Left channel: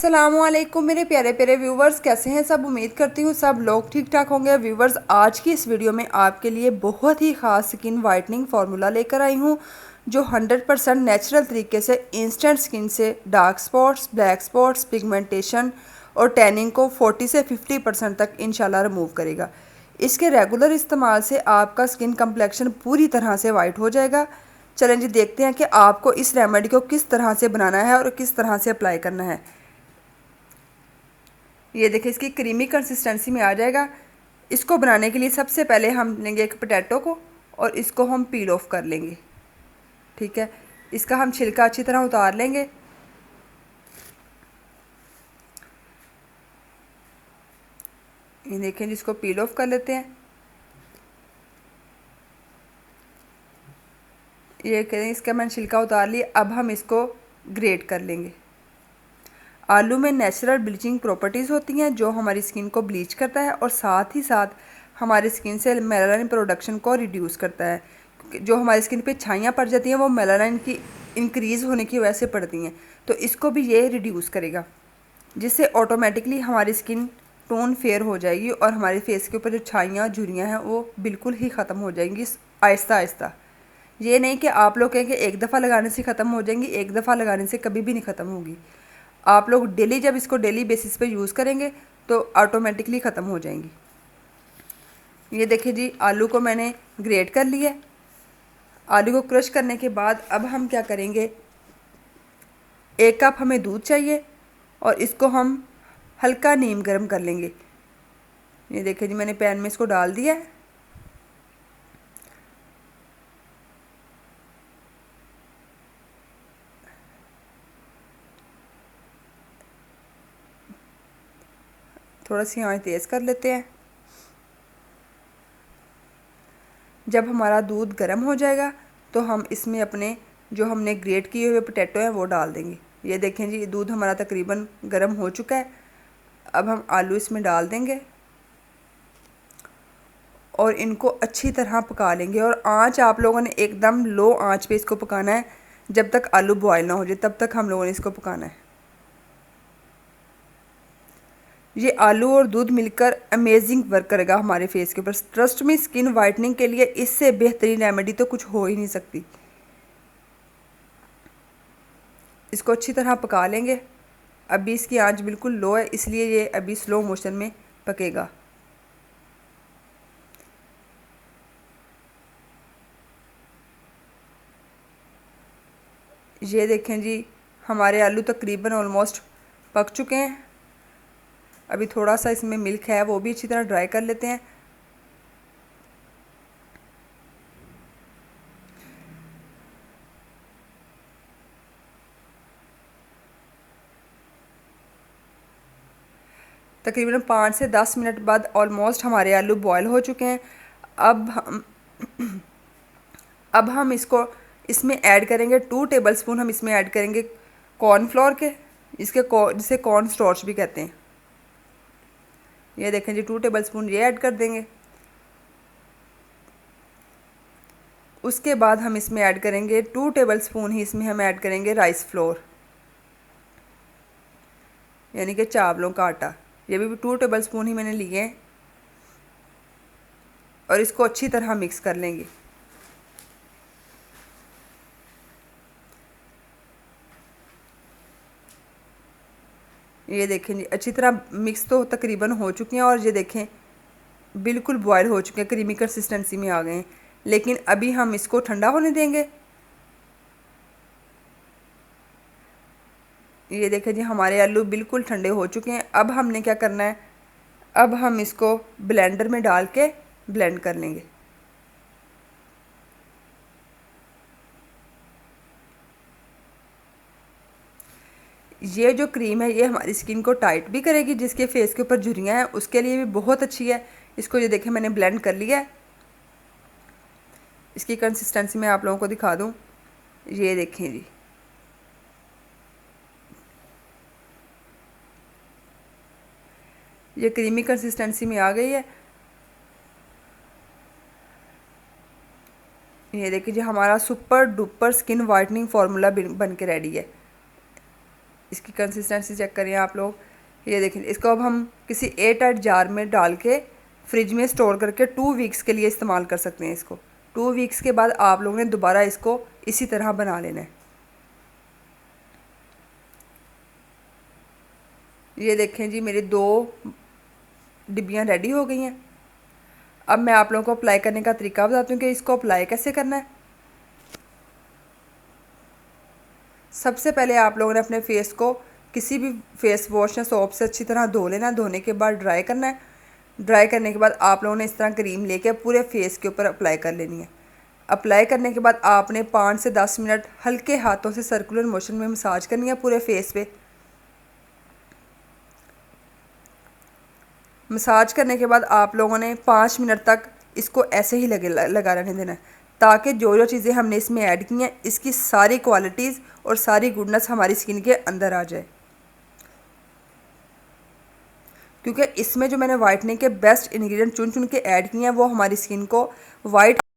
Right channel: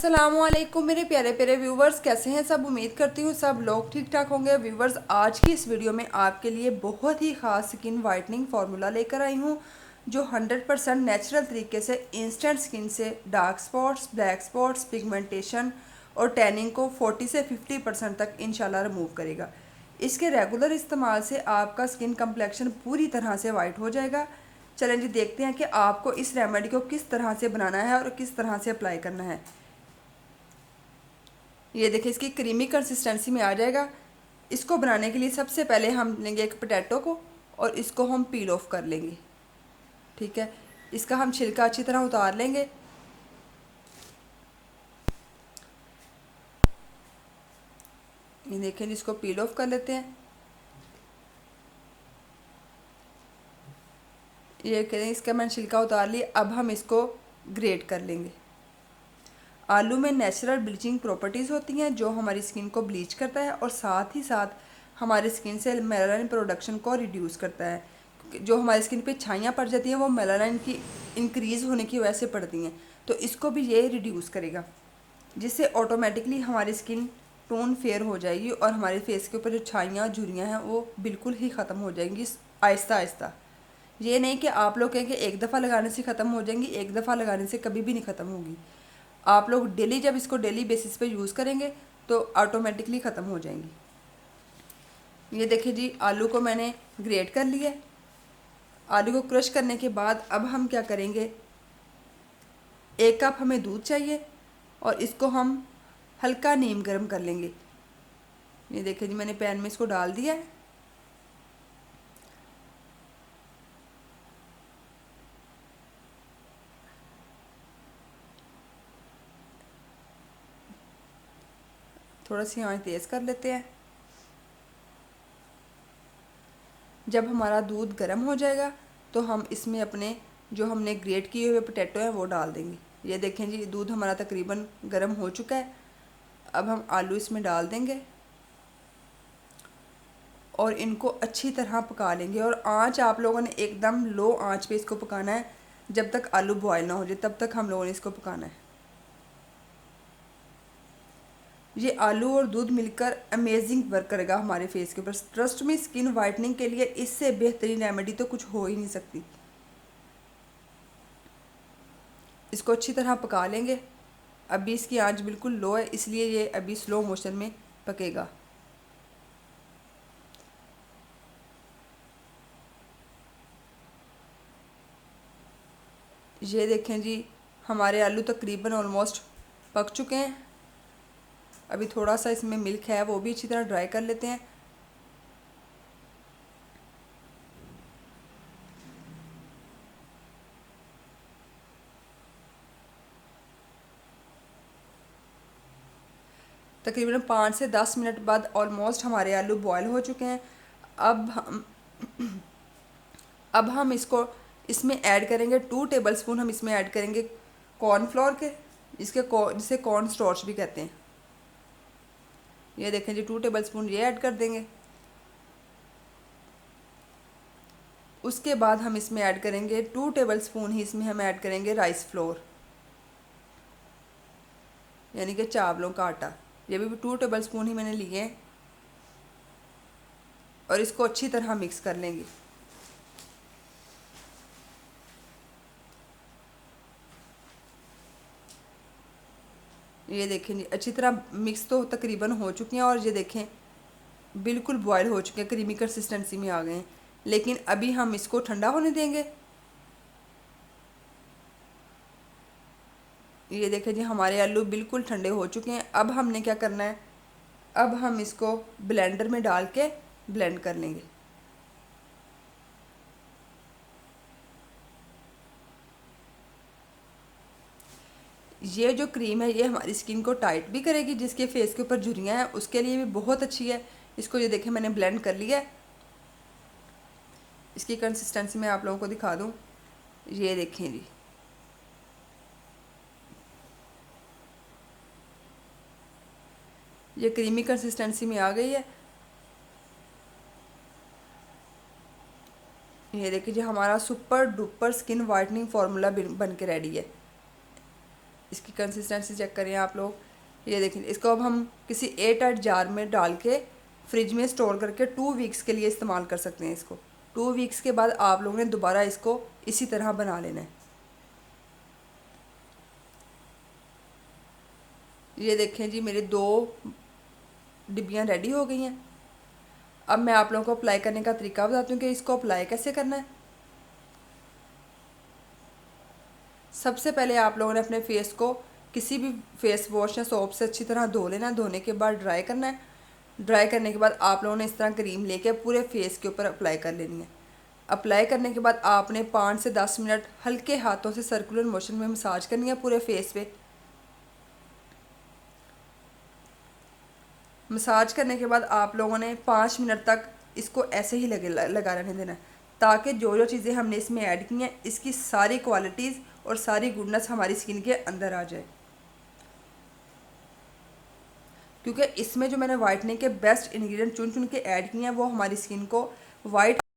अस्सलामुअलैकुम मेरे प्यारे प्यारे व्यूवर्स, कैसे हैं सब। उम्मीद करती हूँ सब लोग ठीक ठाक होंगे। व्यूवर्स, आज की इस वीडियो में आपके लिए बहुत ही ख़ास स्किन वाइटनिंग फार्मूला लेकर आई हूँ जो 100% नेचुरल तरीके से इंस्टेंट स्किन से dark spots, black spots, pigmentation और टैनिंग को 40 से 50% तक इंशाल्लाह रिमूव करेगा। इसके रेगुलर इस्तेमाल से आपका स्किन कम्प्लेक्शन पूरी तरह से वाइट हो जाएगा। चलें जी, देखते हैं कि आपको इस रेमेडी को किस तरह से बनाना है और किस तरह से अप्लाई करना है। ये देखिए, इसकी क्रीमी कंसिस्टेंसी में आ जाएगा। इसको बनाने के लिए सबसे पहले हम लेंगे एक पोटैटो को और इसको हम पील ऑफ कर लेंगे। ठीक है, इसका हम छिलका अच्छी तरह उतार लेंगे। ये देखें, जिसको पील ऑफ कर लेते हैं। ये करें, इसका मैंने छिलका उतार लिया। अब हम इसको ग्रेट कर लेंगे। आलू में नेचुरल ब्लीचिंग प्रॉपर्टीज़ होती हैं जो हमारी स्किन को ब्लीच करता है और साथ ही साथ हमारी स्किन से मेलानिन प्रोडक्शन को रिड्यूस करता है। जो हमारी स्किन पे छाइयाँ पड़ जाती हैं वो मेलानिन की इंक्रीज़ होने की वजह से पड़ती हैं, तो इसको भी ये रिड्यूस करेगा, जिससे ऑटोमेटिकली हमारी स्किन टोन फेयर हो जाएगी और हमारे फेस के ऊपर जो छाइयाँ झुर्रियाँ हैं वो बिल्कुल ही ख़त्म हो जाएंगी आहिस्ता आहिस्ता। ये नहीं कि आप लोग कहें कि एक दफ़ा लगाने से ख़त्म हो जाएंगी, एक दफ़ा लगाने से कभी भी नहीं ख़त्म होगी। आप लोग डेली, जब इसको डेली बेसिस पे यूज़ करेंगे तो ऑटोमेटिकली ख़त्म हो जाएंगी। ये देखिए जी, आलू को मैंने ग्रेट कर लिया। आलू को क्रश करने के बाद अब हम क्या करेंगे, 1 कप हमें दूध चाहिए और इसको हम हल्का नीम गर्म कर लेंगे। ये देखिए जी, मैंने पैन में इसको डाल दिया है। थोड़ा सी आंच तेज़ कर लेते हैं। जब हमारा दूध गर्म हो जाएगा तो हम इसमें अपने जो हमने ग्रेट किए हुए पोटैटो हैं वो डाल देंगे। ये देखें जी, दूध हमारा तकरीबन गर्म हो चुका है। अब हम आलू इसमें डाल देंगे और इनको अच्छी तरह पका लेंगे। और आंच आप लोगों ने एकदम लो आंच पे इसको पकाना है। जब तक आलू बॉयल ना हो जाए तब तक हम लोगों ने इसको पकाना है। ये आलू और दूध मिलकर अमेजिंग वर्क करेगा हमारे फेस के ऊपर। ट्रस्ट में, स्किन वाइटनिंग के लिए इससे बेहतरीन रेमेडी तो कुछ हो ही नहीं सकती। इसको अच्छी तरह पका लेंगे। अभी इसकी आंच बिल्कुल लो है, इसलिए ये अभी स्लो मोशन में पकेगा। ये देखें जी, हमारे आलू तकरीबन ऑलमोस्ट पक चुके हैं। अभी थोड़ा सा इसमें मिल्क है, वो भी अच्छी तरह ड्राई कर लेते हैं। तकरीबन 5 से 10 मिनट बाद ऑलमोस्ट हमारे आलू बॉयल हो चुके हैं। अब हम अब हम इसको इसमें ऐड करेंगे 2 टेबलस्पून। हम इसमें ऐड करेंगे कॉर्नफ्लोर के, जिसे कॉर्न स्टार्च भी कहते हैं। ये देखें जी, 2 टेबलस्पून ये ऐड कर देंगे। उसके बाद हम इसमें ऐड करेंगे 2 टेबलस्पून ही इसमें हम ऐड करेंगे राइस फ्लोर, यानी कि चावलों का आटा। ये भी 2 टेबलस्पून ही मैंने लिए हैं और इसको अच्छी तरह मिक्स कर लेंगे। ये देखें जी, अच्छी तरह मिक्स तो तकरीबन हो चुके हैं और ये देखें बिल्कुल बॉयल हो चुके हैं, क्रीमी कंसिस्टेंसी में आ गए हैं। लेकिन अभी हम इसको ठंडा होने देंगे। ये देखें जी, हमारे आलू बिल्कुल ठंडे हो चुके हैं। अब हमने क्या करना है, अब हम इसको ब्लेंडर में डाल के ब्लेंड कर लेंगे। ये जो क्रीम है ये हमारी स्किन को टाइट भी करेगी, जिसके फेस के ऊपर झुर्रियाँ हैं उसके लिए भी बहुत अच्छी है। इसको ये देखें, मैंने ब्लेंड कर लिया है। इसकी कंसिस्टेंसी मैं आप लोगों को दिखा दूँ। ये देखें जी, ये क्रीमी कंसिस्टेंसी में आ गई है। ये देखिए जी, हमारा super duper skin whitening formula बन के रेडी है। इसकी कंसिस्टेंसी चेक करिए आप लोग, ये देखें। इसको अब हम किसी एयर टाइट जार में डाल के फ्रिज में स्टोर करके 2 वीक्स के लिए इस्तेमाल कर सकते हैं इसको। 2 वीक्स के बाद आप लोगों ने दोबारा इसको इसी तरह बना लेना है। ये देखें जी, मेरी 2 डिब्बियाँ रेडी हो गई हैं। अब मैं आप लोगों को अप्लाई करने का तरीका बताती हूँ कि इसको अप्लाई कैसे करना है। सबसे पहले आप लोगों ने अपने फेस को किसी भी फेस वॉश या सोप से अच्छी तरह धो लेना है। धोने के बाद ड्राई करना है। ड्राई करने के बाद आप लोगों ने इस तरह क्रीम लेके पूरे फेस के ऊपर अप्लाई कर लेनी है। अप्लाई करने के बाद आपने 5 से 10 मिनट हल्के हाथों से सर्कुलर मोशन में मसाज करनी है पूरे फेस पे। मसाज करने के बाद आप लोगों ने 5 मिनट तक इसको ऐसे ही लगा रहने देना है, ताकि जो जो चीज़ें हमने इसमें ऐड की हैं इसकी सारी क्वालिटीज़ और सारी गुडनेस हमारी स्किन के अंदर आ जाए। क्योंकि इसमें जो मैंने वाइटनिंग के बेस्ट इंग्रेडिएंट चुन चुन के ऐड किए हैं वो हमारी स्किन को वाइट